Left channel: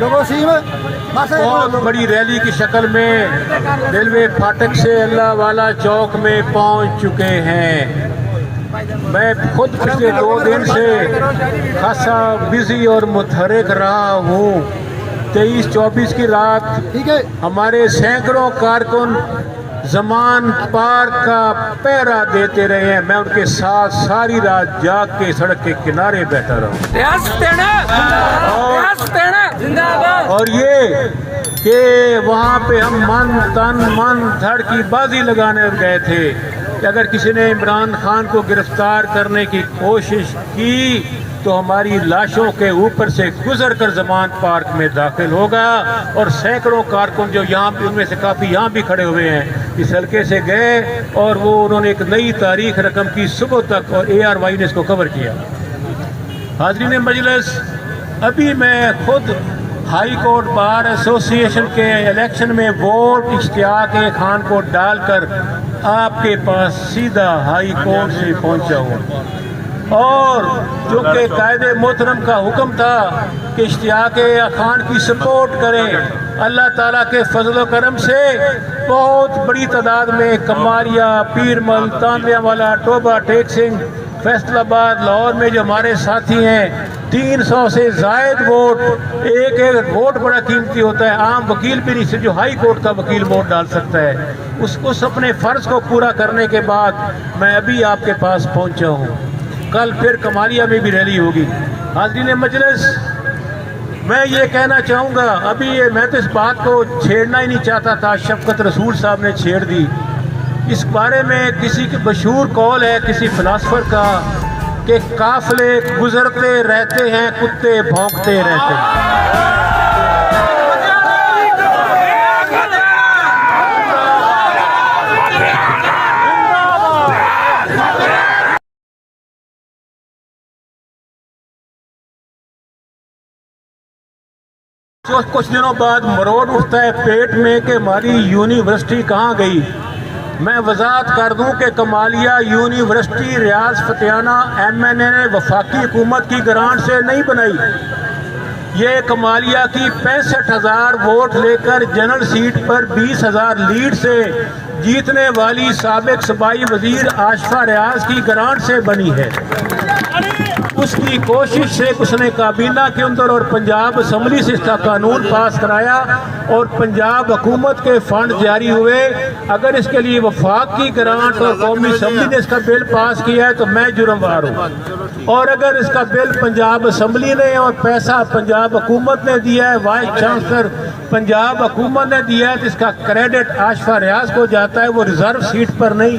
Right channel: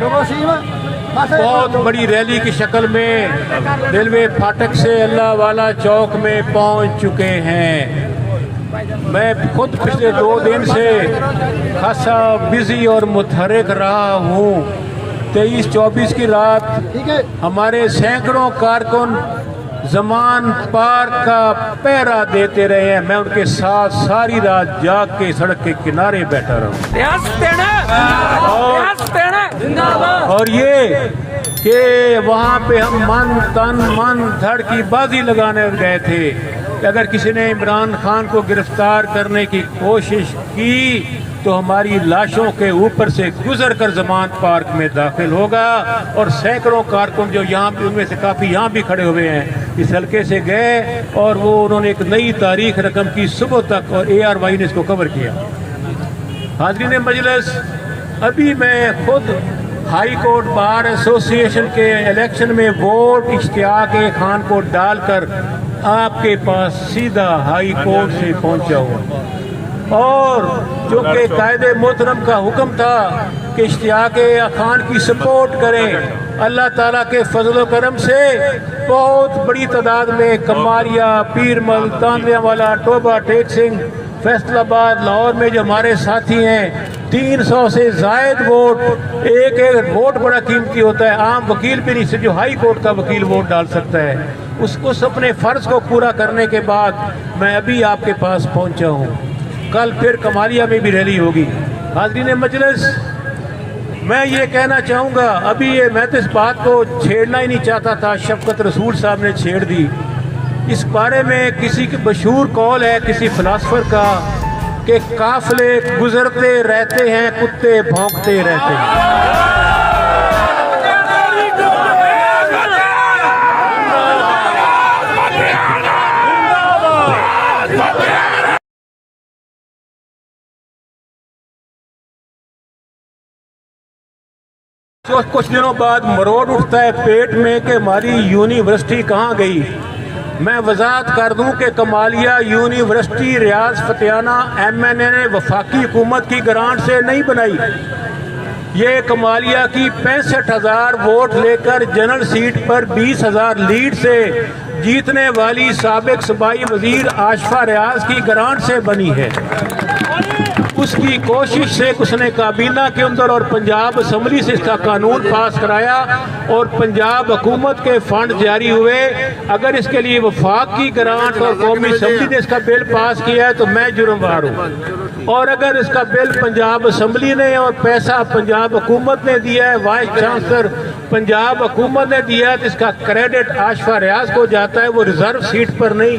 بہت بڑی ریلی کی شکل میں ریلوے پھاٹک سے اللہ والا چوک میں پہنچ چکے ہیں۔ میں خود پچھلے 2 دن سے خاصا بزی اور متحرک رہا ہوں۔ 23-24 کی رات ہمارے سینکڑوں کارکن زمان پارک کا پہرا دیتے رہے ہیں۔ میں ان کے ساتھ ساری رات جاگ کے سڑک کے کنارے بیٹھا رہا اور یہ کہ وہاں پہ ہم من تن من دھڑ کی بازی لگانے گئے تھے کہ اگر کسی نے عمران خان کو گرفتار کرنے کی کوشش کی تو ہماری لاشوں کے اوپر سے گزر کر زمان پارک میں داخل ہوگا۔ اور سینکڑوں کارکن جو یہاں ان میں سے کافی یہاں بھی کھڑے ہوئے ہیں اس حلقے سے گئے اور وہ انہوں نے ایک نئی تاریخ رقم کی صبح تک، اور ARY نے اس کو کور کیا۔ حاضرین مجلس، ابھی میں خود ہائی کورٹ بار ایسوسی ایشن کے الیکشن میں ووٹ اشتیاق خان کو ڈال کر آپ کے پاس سیدھا ہائی کورٹ سے پہنچا ہوا، اور جو کہ قائد محترم کا حکم تھا کہ اشتیاق خان کی سپورٹ کریں۔ اللہ تعالیٰ کے فضل و کرم سے بہت بڑی تعداد میں کمالیہ، پیرمل، تانیہ والا، ٹوبہ، ٹیک سنگھ، فیصل آباد، لاہور میں جو ہمارے ساتھی ہیں، 300 سے زائد ووٹ۔ ایک ووٹ بڑا قیمتی ہوتا ہے، عام وکیل بھی نہیں، جو ہائی کورٹ کا وکیل ووٹ ڈال سکتا ہے۔ اس اپنے فرض کو پورا کرنے کے بعد میں ابھی آپ کے پاس پہنچا ہوں۔ کل پھر کمالیہ میں بھی ریلی ہوگی۔ حاضرین مجلس، میں یہ کہنا چاہوں گا، ابھی میں تو اس بات کو چھیڑنا ہی نہیں چاہتا تھا، شفقت رسول صاحب نے چھیڑ دی۔ اس بارے میں کسی کے مشہور قول ہے کسی فلاسفر کا کہ قافلے گزرتے رہتے ہیں، کتے بھونکتے رہتے ہیں۔ کچھ دنوں بعد مروڑ اٹھتا ہے پیٹ میں کہ ہماری یونیورسٹی کہاں گئی۔ میں وضاحت کر دوں کہ کمالیہ یونیورسٹی ریاض فتیانہ MNA نے وفاقی حکومت کی گرانٹ سے نہیں بنائی۔ یہ کمالیہ کی 65,000 ووٹ لے کر جنرل سیٹ پر 20,000 لیڈ سے جیتنے والی سابق صوبائی وزیر آشفا ریاض کی گرانٹ سے بنی ہے۔ اس کی کوشش سے اس نے کابینہ کے اندر اور پنجاب اسمبلی سے اس کا قانون پاس کرایا اور پنجاب حکومت کے فنڈ جاری ہوئے۔ اگر اس کے لیے وفاق کی گرانٹ اور قومی اسمبلی نے اس کا بل پاس کیا ہے تو میں جرموار ہوں، اور اگر اس کا بل پنجاب اسمبلی نے اور پیسہ پنجاب حکومت نے دیا ہے، وائس چانسلر پنجاب حکومت نے دیا ہے، تو اس کا کریڈٹ آشفا ریاض کو جاتا ہے۔ وہ ریزرو سیٹ پر نہیں،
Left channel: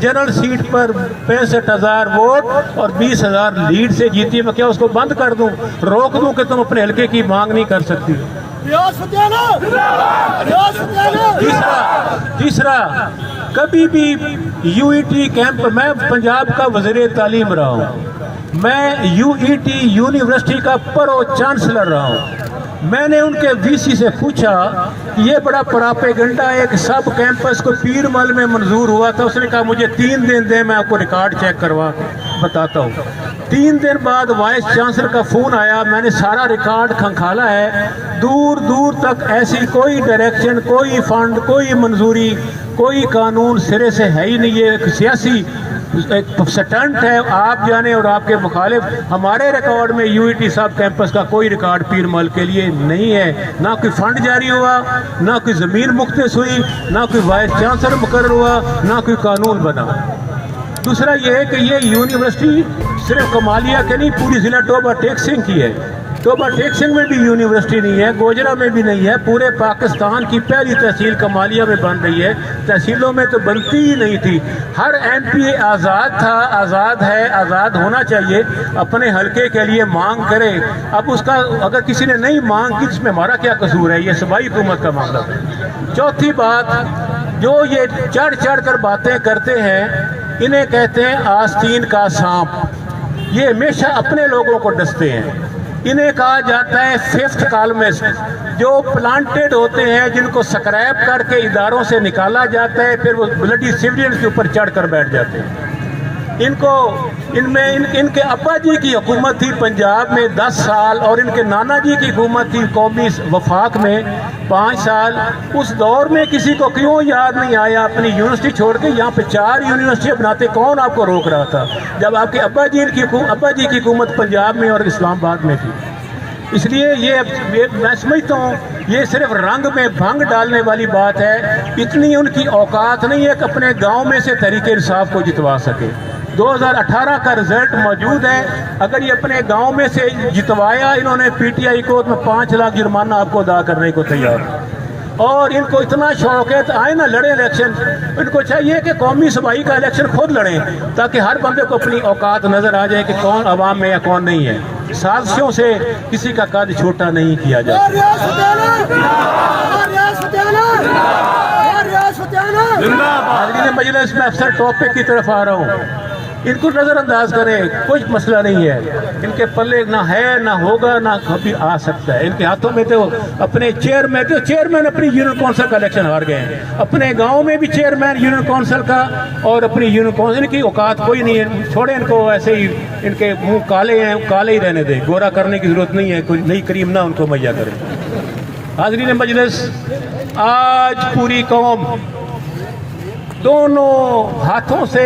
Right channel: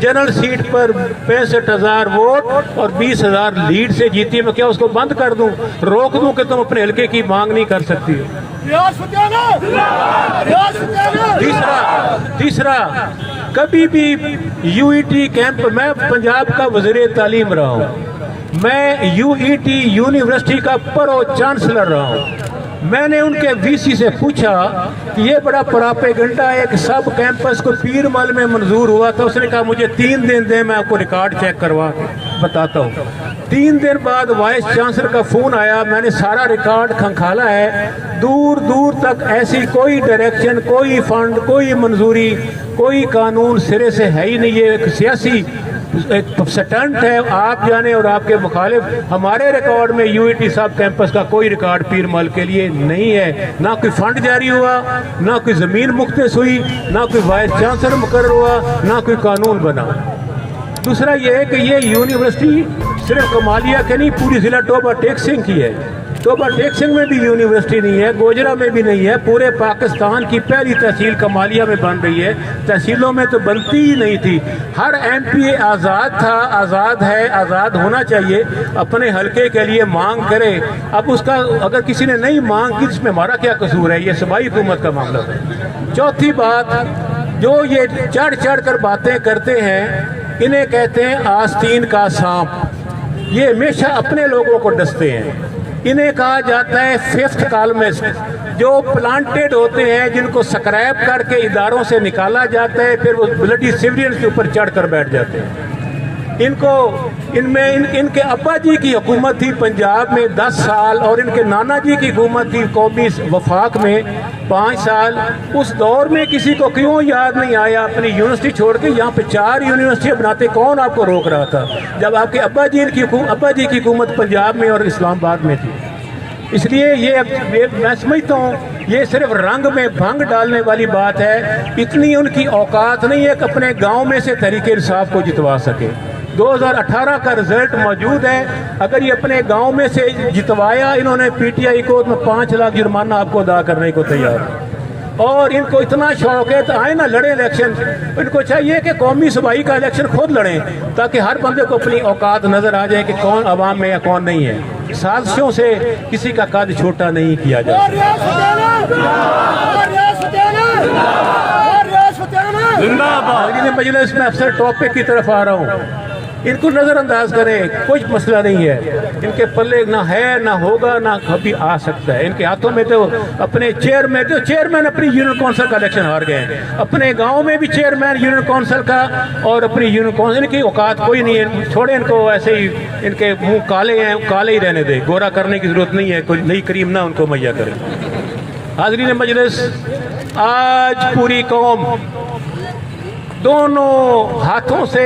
جنرل سیٹ پر 65,000 ووٹ اور 20,000 لیڈ سے جیتی ہے۔ میں کیا اس کو بند کر دوں، روک دوں کہ تم اپنے حلقے کی مانگ نہیں کر سکتی؟ تیسرا، کبھی بھی UET کیمپ، میں پنجاب کا وزیر تعلیم رہا ہوں، میں UET یونیورسٹی کا پرو چانسلر رہا ہوں۔ میں نے ان کے VC سے پوچھا کہ یہ بڑا پراپیگنڈا ہے کہ سب کیمپس کو پیر مل میں منظور ہوا تھا۔ اس نے کہا مجھے 3 دن دیں، میں آپ کو ریکارڈ چیک کروا کے بتاتا ہوں۔ 3 دن بعد وائس چانسلر کا فون آیا، میں نے سارا ریکارڈ کھنکھالا ہے، دور دور تک ایسی کوئی ڈائریکشن، کوئی فنڈ، کوئی منظوری، کوئی قانون سرے سے ہے ہی نہیں۔ یہ ایک سیاسی سٹنٹ ہے، آپ جانے اور آپ کے مخالف۔ ہمارے ریکارڈ میں UET صاحب کیمپس کا کوئی ریکارڈ پیر مل کے لیے نہیں ہے، نہ کوئی فنڈ جاری ہوا، نہ کوئی زمین مختص ہوئی، نہ کوئی وائس چانسلر مقرر ہوا، نہ کوئی قانون بنا۔ دوسرا یہ ہے کہ یہ یونیورسٹی صرف کمالیہ کے نہیں، پوری ضلع ٹوبہ ٹیک سنگھ کی ہے۔ ٹوبہ ٹیک سنگھ میں بھی یونیورسٹی نہیں ہے، گوجرا میں بھی نہیں ہے، پورے پاکستان کی پہلی تحصیل کمالیہ میں بن رہی ہے۔ تحصیلوں میں تو بنتی ہی نہیں تھی۔ ہر MP آزاد تھا، آزاد ہے، آزاد ہونا چاہیے، اپنے حلقے کے لیے مانگ کرے۔ اب اس کا اگر کسی نے نہیں مانگ کی، اس میں ہمارا کیا قصور ہے؟ یہ صوبائی حکومت کا مسئلہ ہے۔ چوتھی بات، جو یہ چڑھ چڑھ کر باتیں کرتے ہیں، انہیں کہتے ہیں آستین کا سانپ۔ یہ ہمیشہ اپنے لوگوں کو ڈستے ہیں۔ انہیں کہا جاتا ہے 5th کالمسٹ، جو پلانٹڈ ہوتے ہیں، جن کو سکریپ کر کے اداروں سے نکالا جاتا ہے، پھر وہ بلڈی سیویلینز کے اوپر چڑھ کر بیٹھ جاتے ہیں۔ ان کو ان میں ان کے ابا جی کی حکومت تھی پنجاب میں 10 سال، اور ان کے نانا جی کی حکومت تھی قومی وفاق میں 5 سال۔ اس دور میں کسی کو کیوں یاد نہیں آیا اپنی یونیورسٹی چھوڑ کے یہاں پہ 4 یونیورسٹی بناتے؟ کون آپ کو روک رہا تھا جب آپ کے ابا جی کی حکومت پنجاب میں اور اسلام آباد میں تھی؟ اس لیے یہ میں سمجھتا ہوں یہ صرف رنگ میں بھنگ ڈالنے والی بات ہے، اتنی ان کی اوقات نہیں ہے کہ اپنے گاؤں میں سے تحریک انصاف کو جتوا سکے۔ 2018 کا رزلٹ موجود ہے، اگر یہ اپنے گاؤں میں سے جتوایا، انہوں نے پی ٹی آئی کو 5 لاکھ جرمانہ آپ کو ادا کرنے کو تیار، اور ان کو اتنا شوق ہے تو آئے نہ لڑیں الیکشن۔ ان کو چاہیے کہ قومی صوبائی کا الیکشن خود لڑیں تاکہ ہر بندے کو اپنی اوقات نظر آ جائے کہ کون عوام میں یا کون نہیں ہے۔ سازشوں سے کسی کا قد چھوٹا نہیں کیا جاتا۔ مجلس میں اکثر ٹاپک کی طرف آ رہا ہوں، ان کو نظر انداز کریں، کچھ مسئلہ نہیں ہے، ان کے پلے نہ ہے نہ ہوگا نہ کبھی آ سکتا ہے۔ ان کے ہاتھوں میں تو اپنے چیئرمین اپنی یونین کونسل کا الیکشن ہار گئے ہیں، اپنے گاؤں میں بھی چیئرمین یونین کونسل کا، اور اپنی یونین کونسل کی اوقات کوئی نہیں ہے۔ چھوڑے ان کو ایسے ہی، ان کے منہ کالے ہیں، کالے ہی رہنے دیں، گورا کرنے کی ضرورت نہیں ہے، کوئی نئی کریم نہ ان کو مہیا کرے۔ حاضرین مجلس، آج پوری قوم دونوں ہاتھوں سے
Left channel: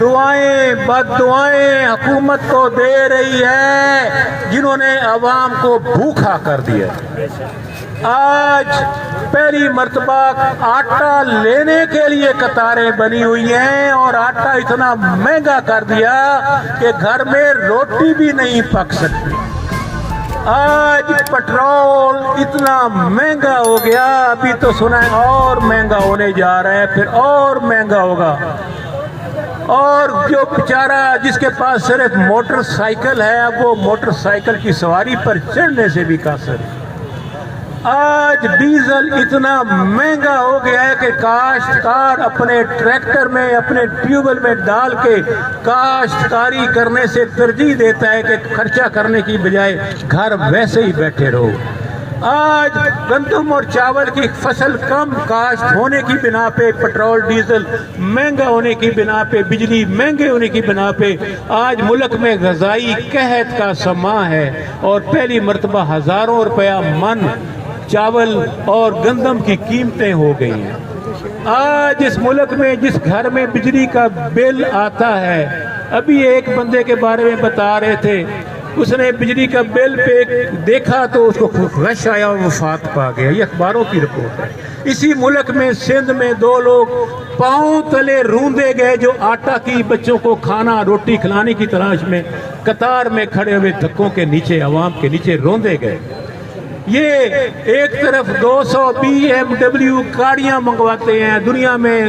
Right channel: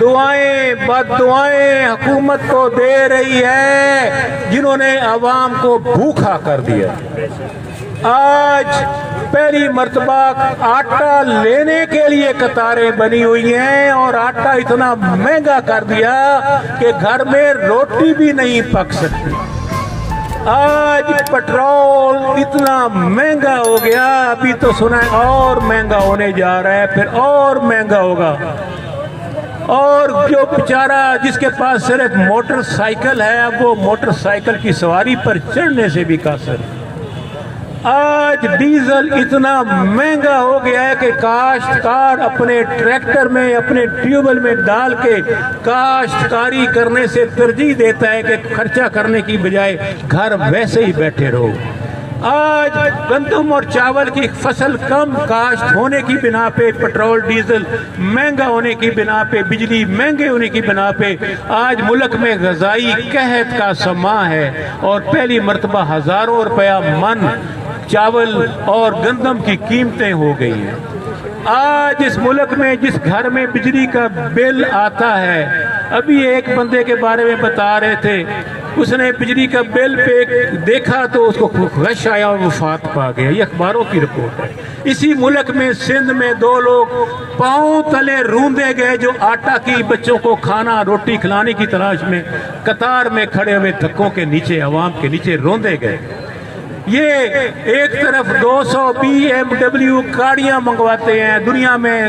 دعائیں بد دعائیں حکومت کو دے رہی ہے جنہوں نے عوام کو بھوکا کر دیا۔ آج پہلی مرتبہ آٹا لینے کے لیے قطاریں بنی ہوئی ہیں، اور آٹا اتنا مہنگا کر دیا کہ گھر میں روٹی بھی نہیں پک سکتی۔ آج پٹرول اتنا مہنگا ہو گیا، ابھی تو سنا ہے اور مہنگا ہونے جا رہا ہے، پھر اور مہنگا ہوگا۔ اور جو بیچارہ جس کے پاس صرف موٹر سائیکل ہے، اب وہ موٹر سائیکل کی سواری پر چڑھنے سے بھی قاصر ہے۔ آج ڈیزل اتنا مہنگا ہو گیا ہے کہ کاشتکار اپنے ٹریکٹر میں اپنے ٹیوبل میں ڈال کے کاشتکاری کرنے سے ترجیح دیتا ہے کہ خرچہ کرنے کی بجائے گھر ویسے ہی بیٹھے رہو۔ آج گندم اور چاول کی فصل کم کاشت ہونے کی بنا پہ، پٹرول ڈیزل مہنگا ہونے کی بنا پہ، بجلی مہنگے ہونے کی بنا پہ آج ملک میں غذائی قحط کا سما ہے، اور پہلی مرتبہ ہزاروں روپیہ من چاول اور گندم کی قیمتیں ہو گئی ہیں۔ آج اس ملک میں جس گھر میں بجلی کا بل آتا ہے، ابھی ایک بندے کے بارے میں بتا رہے تھے، اس نے بجلی کا بل پہ دیکھا تو اس کو غش آیا اور وفات پا گیا۔ یہ اخباروں کی رپورٹ ہے۔ اسی ملک میں سندھ میں 2 لوگ پاؤں تلے روندے گئے جو آٹا کی بچوں کو کھانا روٹی کھلانے کی تلاش میں قطار میں کھڑے ہوئے دھکوں کے نیچے، عوام کے نیچے روندے گئے۔ یہ ایک طرف 200 BMW گاڑیاں منگواتے ہیں، دنیا میں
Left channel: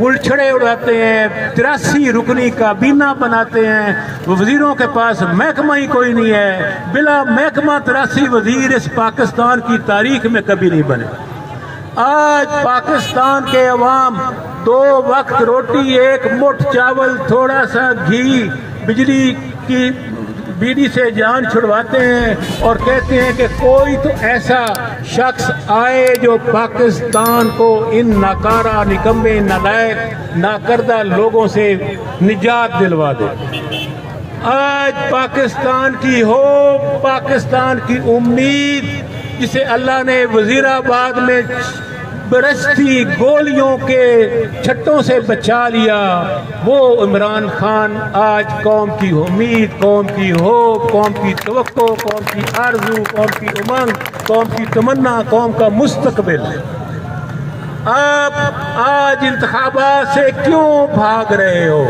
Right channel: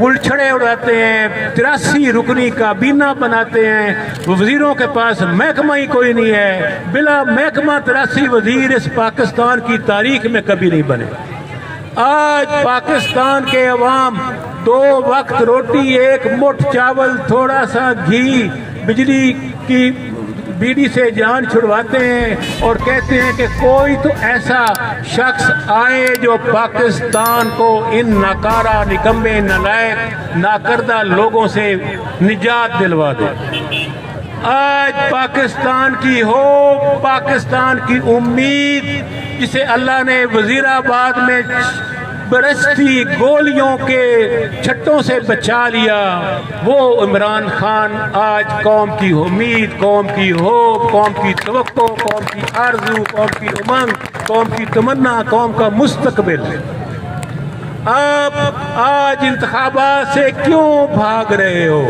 گلچھڑے اڑاتے ہیں، 83 رکنی کابینہ بناتے ہیں، وزیروں کے پاس محکمہ ہی کوئی نہیں ہے، بلا محکمہ 83 وزیر اس پاکستان کی تاریخ میں کبھی نہیں بنے۔ آج پاکستان کے عوام 2 وقت روٹی، 1 مٹھ چاول، تھوڑا سا گھی، بجلی کی بیڑی سے جان چھڑواتے ہیں، اور کہتے ہیں کہ کوئی تو ایسا شخص آئے جو پاکستان کو ان ناکارہ، نکمے، نالائق، ناکردہ لوگوں سے نجات دلوا دے۔ آج پاکستان کی ہو، پاکستان کی امید، جسے اللہ نے وزیر آباد میں برستی گولیوں کے چھٹوں سے بچا لیا، وہ عمران خان آج قوم کی امید، قوم کی ہوپ، قوم کی توقع، قوم کی آرزو، قوم کی امنگ، قوم کی تمنا، قوم کا مستقبل ہے۔ آپ آج انتخابات سے کیوں بھاگ رہے ہو؟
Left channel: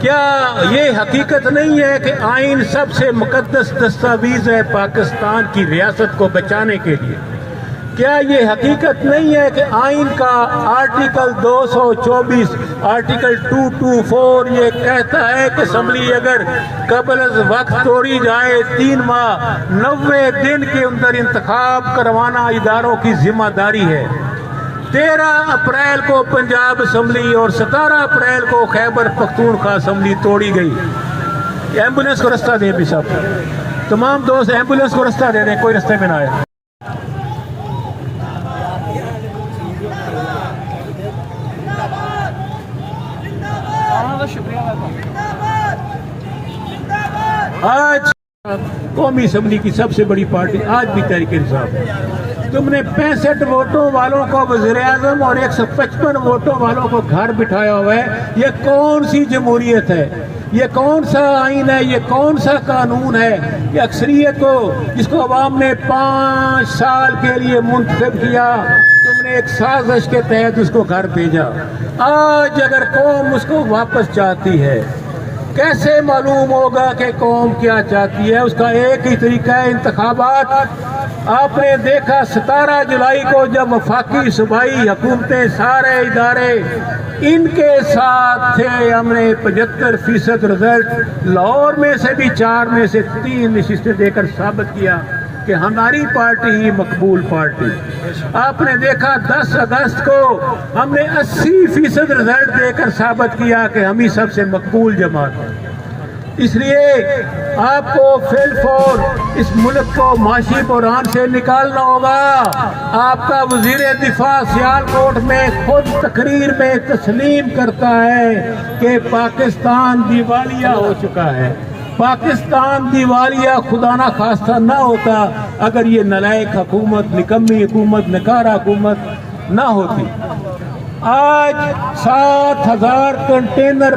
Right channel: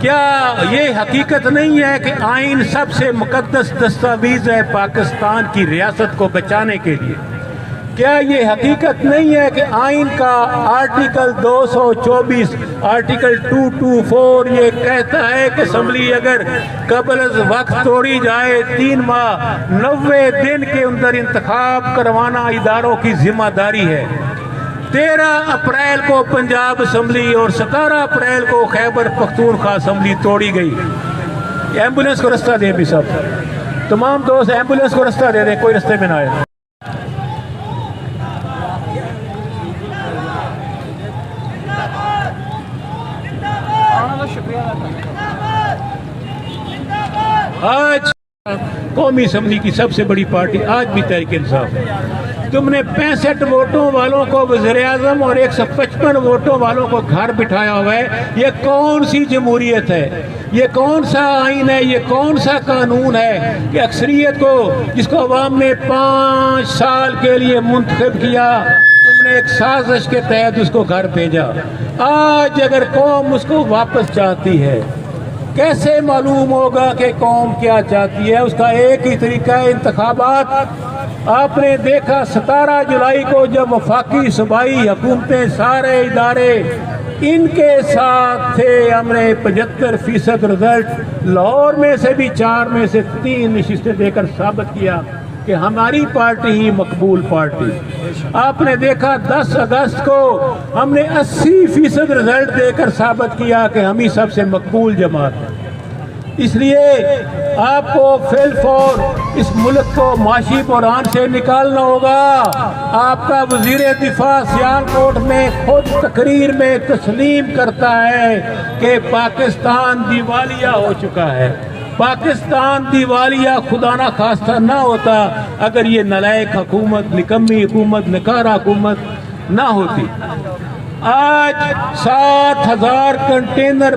کیا یہ حقیقت نہیں ہے کہ آئین سب سے مقدس دستاویز ہے پاکستان کی ریاست کو بچانے کے لیے؟ کیا یہ حقیقت نہیں ہے کہ آئین کا آرٹیکل 224 آرٹیکل 224 یہ کہتا ہے کہ اسمبلی اگر قبل از وقت توڑی جائے 3 ماہ 90 دن کے اندر انتخاب کروانا اداروں کی ذمہ داری ہے۔ 13 اپریل کو پنجاب اسمبلی اور 17 اپریل کو خیبر پختونخوا اسمبلی توڑی گئی۔ ایمبولینس کو رستہ دیں بھی صاحب، تمام دوست ایمبولینس کو رستہ دے دیں، کوئی رستے میں نہ آئے۔ شکریہ۔ آج قومی اسمبلی کی سب سے بڑی پارٹی آج بھی تحریک انصاف، تم نے 65 ووٹوں والوں کو وزیر اعظم اور 155 ووٹوں والوں کو گھر بٹھایا ہوا ہے۔ یہ کون سی جمہوریت ہے؟ یہ کون سا آئین ہے؟ یہ کون سا قانون ہے کہ اکثریت کو، جس کو عوام نے 5 سال کے لیے منتخب کیا، تم نے ایک سازش کے تحت اس کو گھر بھیجا؟ آج اگر قوم اس کو واپس چاہتی ہے، کیسے معلوم ہوگا کہ قوم کیا چاہتی ہے؟ اس کا ایک ہی طریقہ ہے، انتخابات۔ آپ نے دیکھا 17 جولائی کو جب وفاقی صوبائی حکومتیں، سارے ادارے ان کے ساتھ تھے، ہم نے 75% رزلٹ لاہور میں سے بھی 4 میں سے 3 نشستیں دے کر ثابت کیا کہ ہماری پارٹی ہی مقبول پارٹی۔ آپ نے دیکھا 10 اگست کو ہم نے 80% رزلٹ دے کر ثابت کیا کہ ہم ہی سب سے مقبول جماعت ہیں۔ اس لیے آپ کو فی الفور اس ملک کو معاشی بحران سے نکالنا ہوگا۔ آپ کا وزیر دفاع سیالکوٹ میں خود تقریر میں تسلیم کرتا ہے کہ پاکستان دیوالیہ ہو چکا ہے۔ پاکستان دیوالیہ خدا نہ خواستہ نہ ہوتا اگر یہ نالائق حکومت، نکمی حکومت، نکارہ حکومت نہ ہوتی۔ آج 7000 کنٹینر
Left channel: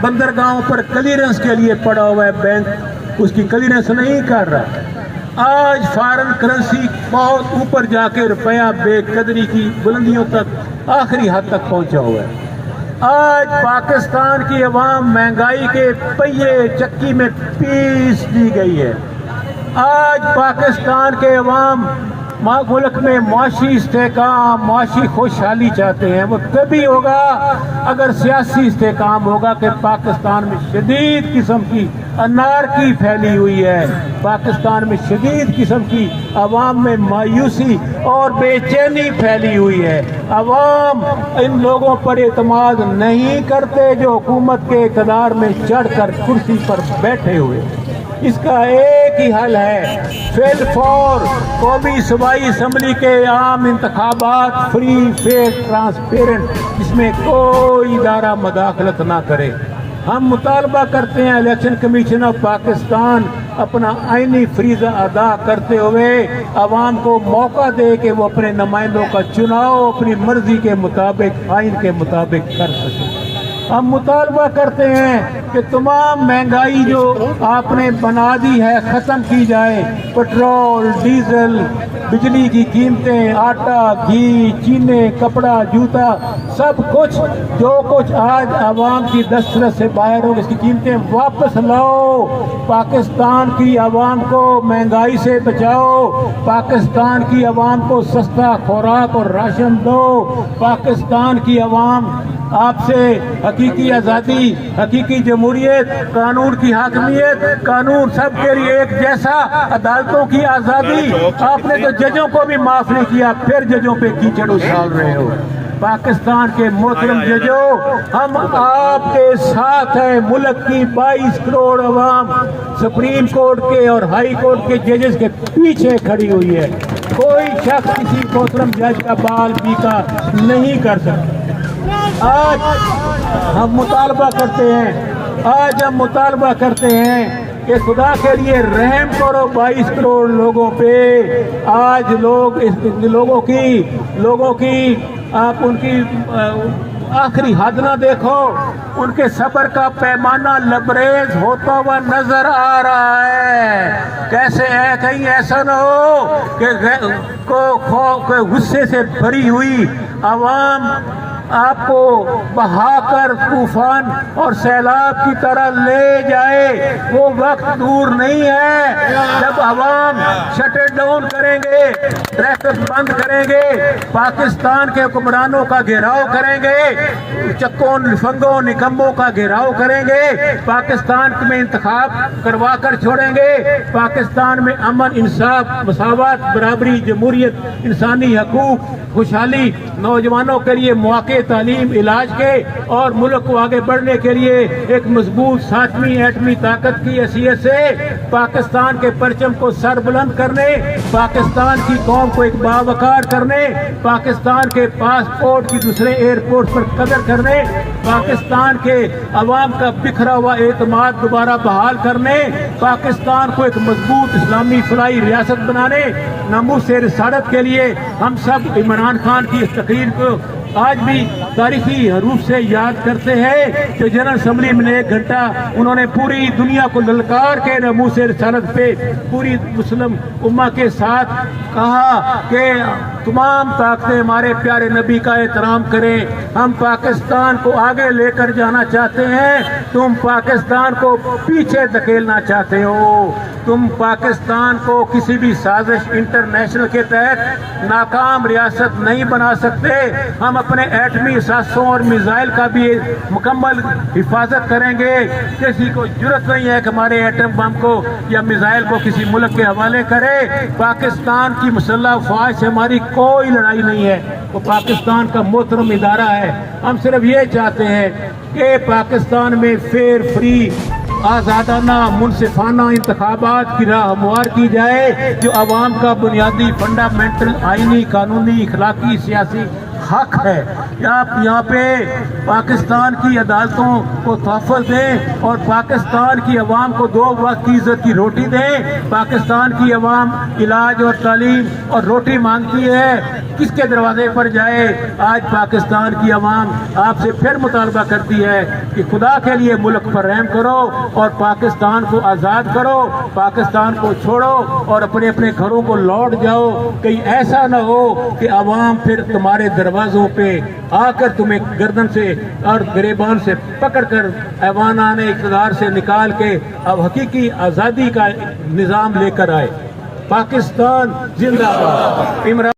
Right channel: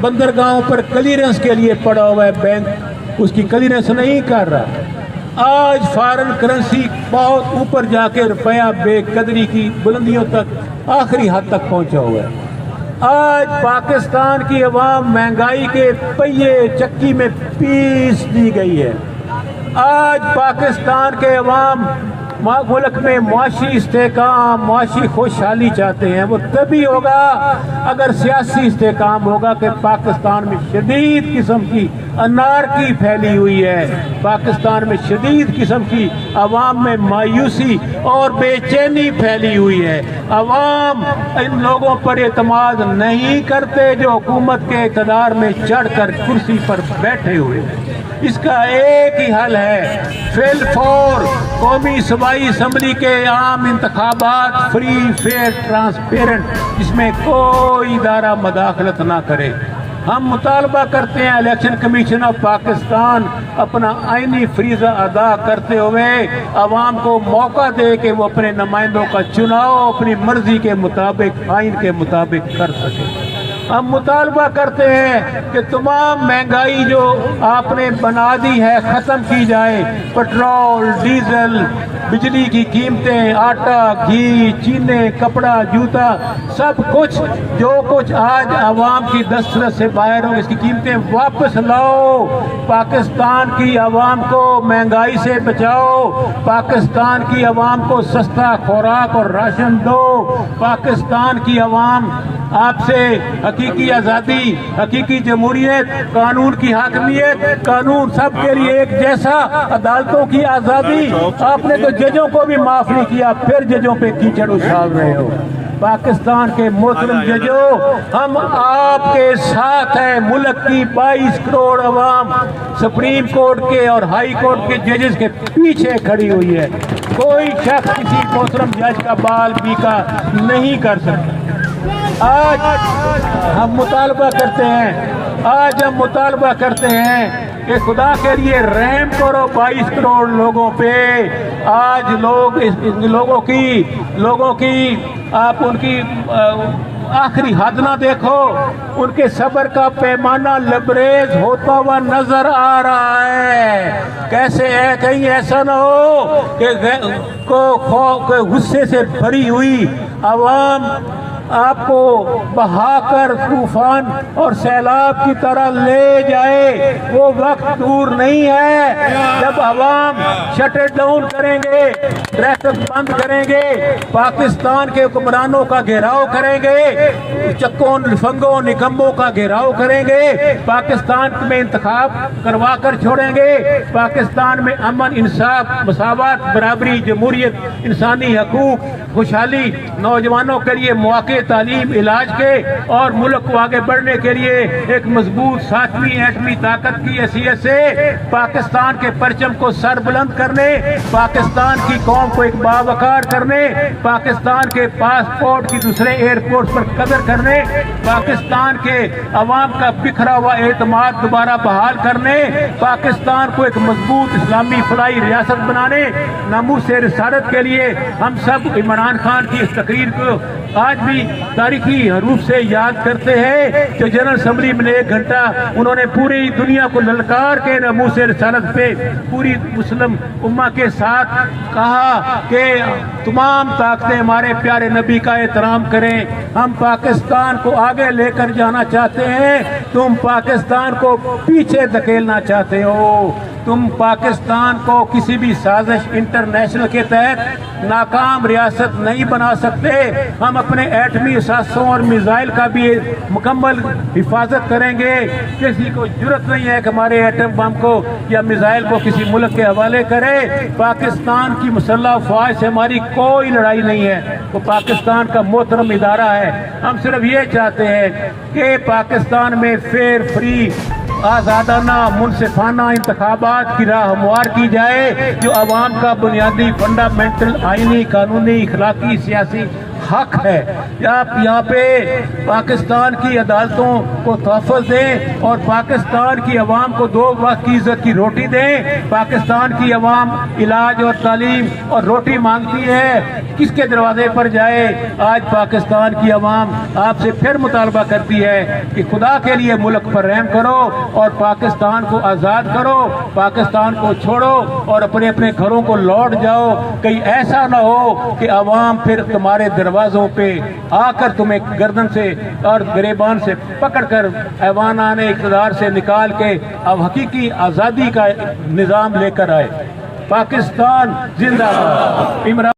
بندرگاہوں پر کلیئرنس کے لیے پڑا ہوا ہے، بینک اس کی کلیئرنس نہیں کر رہا۔ آج فارن کرنسی بہت اوپر جا کے روپیہ بے قدری کی بلندیوں تک، آخری حد تک پہنچا ہوا ہے۔ آج پاکستان کی عوام مہنگائی کے پہیے چکی میں پیس دی گئی ہے۔ آج پاکستان کے عوام ملک میں معاشی استحکام، معاشی خوشحالی چاہتے ہیں۔ وہ تبھی ہوگا اگر سیاسی استحکام ہوگا کہ پاکستان میں شدید قسم کی انارکی پھیلی ہوئی ہے، پاکستان میں شدید قسم کی عوام میں مایوسی اور بے چینی پھیلی ہوئی ہے۔ عوام ان لوگوں پر اعتماد نہیں کرتے جو حکومت کے اقتدار میں چڑھ کر کرسی پر بیٹھے ہوئے ہیں۔ اس کا ایک ہی حل ہے، فی الفور قومی صوبائی اسمبلی کے عام انتخابات فری، فیئر، ٹرانسپیرنٹ، جس میں کوئی ادارہ مداخلت نہ کرے۔ ہم مطالبہ کرتے ہیں الیکشن کمیشن آف پاکستان اپنا آئینی فریضہ ادا کرتے ہوئے عوام کو موقع دے کہ وہ اپنے نمائندوں کا چناؤ اپنی مرضی کے مطابق، آئین کے مطابق کر سکیں۔ ہم مطالبہ کرتے ہیں کہ تمام مہنگائی جو آپ نے بنا دی ہے ختم کی جائے۔ پٹرول، ڈیزل، بجلی کی قیمتیں، آٹا، گھی، چینے، کپڑا، جوتا، سب کچھ جو کچھ آج عوام کی دسترس سے باہر ہو، اس کی قیمتیں واپس لاؤ۔ پاکستان کی عوام کو مہنگائی سے بچاؤ، پاکستان کی عوام کو سستا خوراک اور راشن دو۔ پاکستان کی عوام آپ سے حقیقی آزادی، حقیقی جمہوریت، قانون کی حاکمیت، قانون سب کے لیے ایک جیسا، عدالتوں کی آزادی۔ آپ نے تو ججوں کو بھی معاف نہیں کیا، پھر ججوں پہ کیچڑ اچھال رہے ہو۔ پاکستان کے محترم ججوں، ہم آپ کے ساتھ ہیں۔ ملک کی 22 کروڑ عوام سپریم کورٹ کے اور ہائی کورٹ کے ججز کے پیچھے کھڑی ہوئی ہے۔ کوئی شخص کسی محترم جج کا بال بیکا نہیں کر سکتا۔ آج ہم مطالبہ کرتے ہیں کہ خدا کے لیے رحم کرو 22 کروڑ لوگوں پہ۔ آج لوگوں کی آپ ان کی آخری حد نہ دیکھو، ان کے صبر کا پیمانہ لبریز ہوتا ہوا نظر آ رہا ہے۔ کیسے ہے، کہیں ایسا نہ ہو کہ غصے سے بھری ہوئی عوام آپ کو بہا کر طوفان اور سیلاب کی طرح لے جائے۔ وہ وقت دور نہیں ہے جب عوام شٹ ڈاؤن کریں گے، ٹریفک بند کریں گے، پاکستان کے حکمرانوں کا گھیراؤ کریں گے، چکوں لفنگوں نکموں کا گھیراؤ کریں گے، پاکستان میں انتخاب کروا کر چھوڑیں گے، پاکستان میں امن، انصاف، مساوات، برابری، جمہوریت، انسانی حقوق، خوشحالی، نوجوانوں کے لیے مواقع تعلیم علاج کے اور ملک کو آگے بڑھنے کے لیے ایک مضبوط 7ویں ایٹمی طاقت کی حیثیت سے پاکستان کے پرچم کو سر بلند کرنے، پاکستان کی قوم کو ایک باوقار کرنے، پاکستان کے پاسپورٹ کی دوسرے ایئرپورٹ پر قدر کرنے، پاکستان کے عوام کا بکھرا ہوا اعتماد دوبارہ بحال کرنے، پاکستان کو ایک مضبوط اسلامی فلاحی ریاست بنانے، ناموس رسالت کے لیے ہم سب عمران خان کی اس تقریر کو آج بھی تاریخی حروف سے یاد کرتے ہیں کہ جنرل اسمبلی میں 1 گھنٹہ انہوں نے پوری دنیا کو للکار کے ناموس رسالت پہ پوری مسلم امہ کے ساتھ کہا کہ تمام طاقتیں ہمارے پیارے نبی کا احترام کریں، ہم پاکستان کو آگے لے کر جانا چاہتے ہیں، تم پاکستان کو پیچھے دھکیلنا چاہتے ہو، تم پاکستان کو کسی بھی سازش انٹرنیشنل کے تحت ناکام ریاست نہیں بنا سکتے، ہم اپنے ایٹمی اثاثوں اور میزائل کا بھی مکمل حفاظت کریں گے، کسی کو جرت نہیں ہے کہ ہمارے ایٹم بم کو یا میزائل کو کسی ملک کے حوالے کرے، پاکستان کی مسلح افواج سے ہماری کوئی لڑائی نہیں ہے، وہ پاکستان کا محترم ادارہ ہے، ہم صرف یہ چاہتے ہیں کہ پاکستان میں فیئر فری آزادانہ منصفانہ انتخابات کی راہ ہموار کی جائے جو عوام کا بنیادی فنڈامنٹل آئینی قانونی اخلاقی سیاسی حق ہے۔ آپ یہاں پہ پاکستان کی عدالتوں کو تحفظ دیں اور پاکستان کی عوام کو 2 وقت کی عزت کی روٹی دیں، پاکستان کی عوام علاج اور تعلیم اور روٹی مانگتی ہے، کس کے دروازے پر جائے؟ آج پاکستان کی عوام آپ سے پھر مطالبہ کرتی ہے کہ خدا کے لیے ملک پر رحم کرو اور پاکستان کو آزاد کرو، پاکستان کو چھوڑو اور اپنے اپنے گھروں کو لوٹ جاؤ، کہیں ایسا نہ ہو کہ عوام پھر تمہارے دروازوں پہ آ کر تمہیں گردن سے اور گریبان سے پکڑ کر ایوانان اقتدار سے نکال کے اب حقیقی آزادی کا نظام لے کر آئے۔ پاکستان زندہ باد۔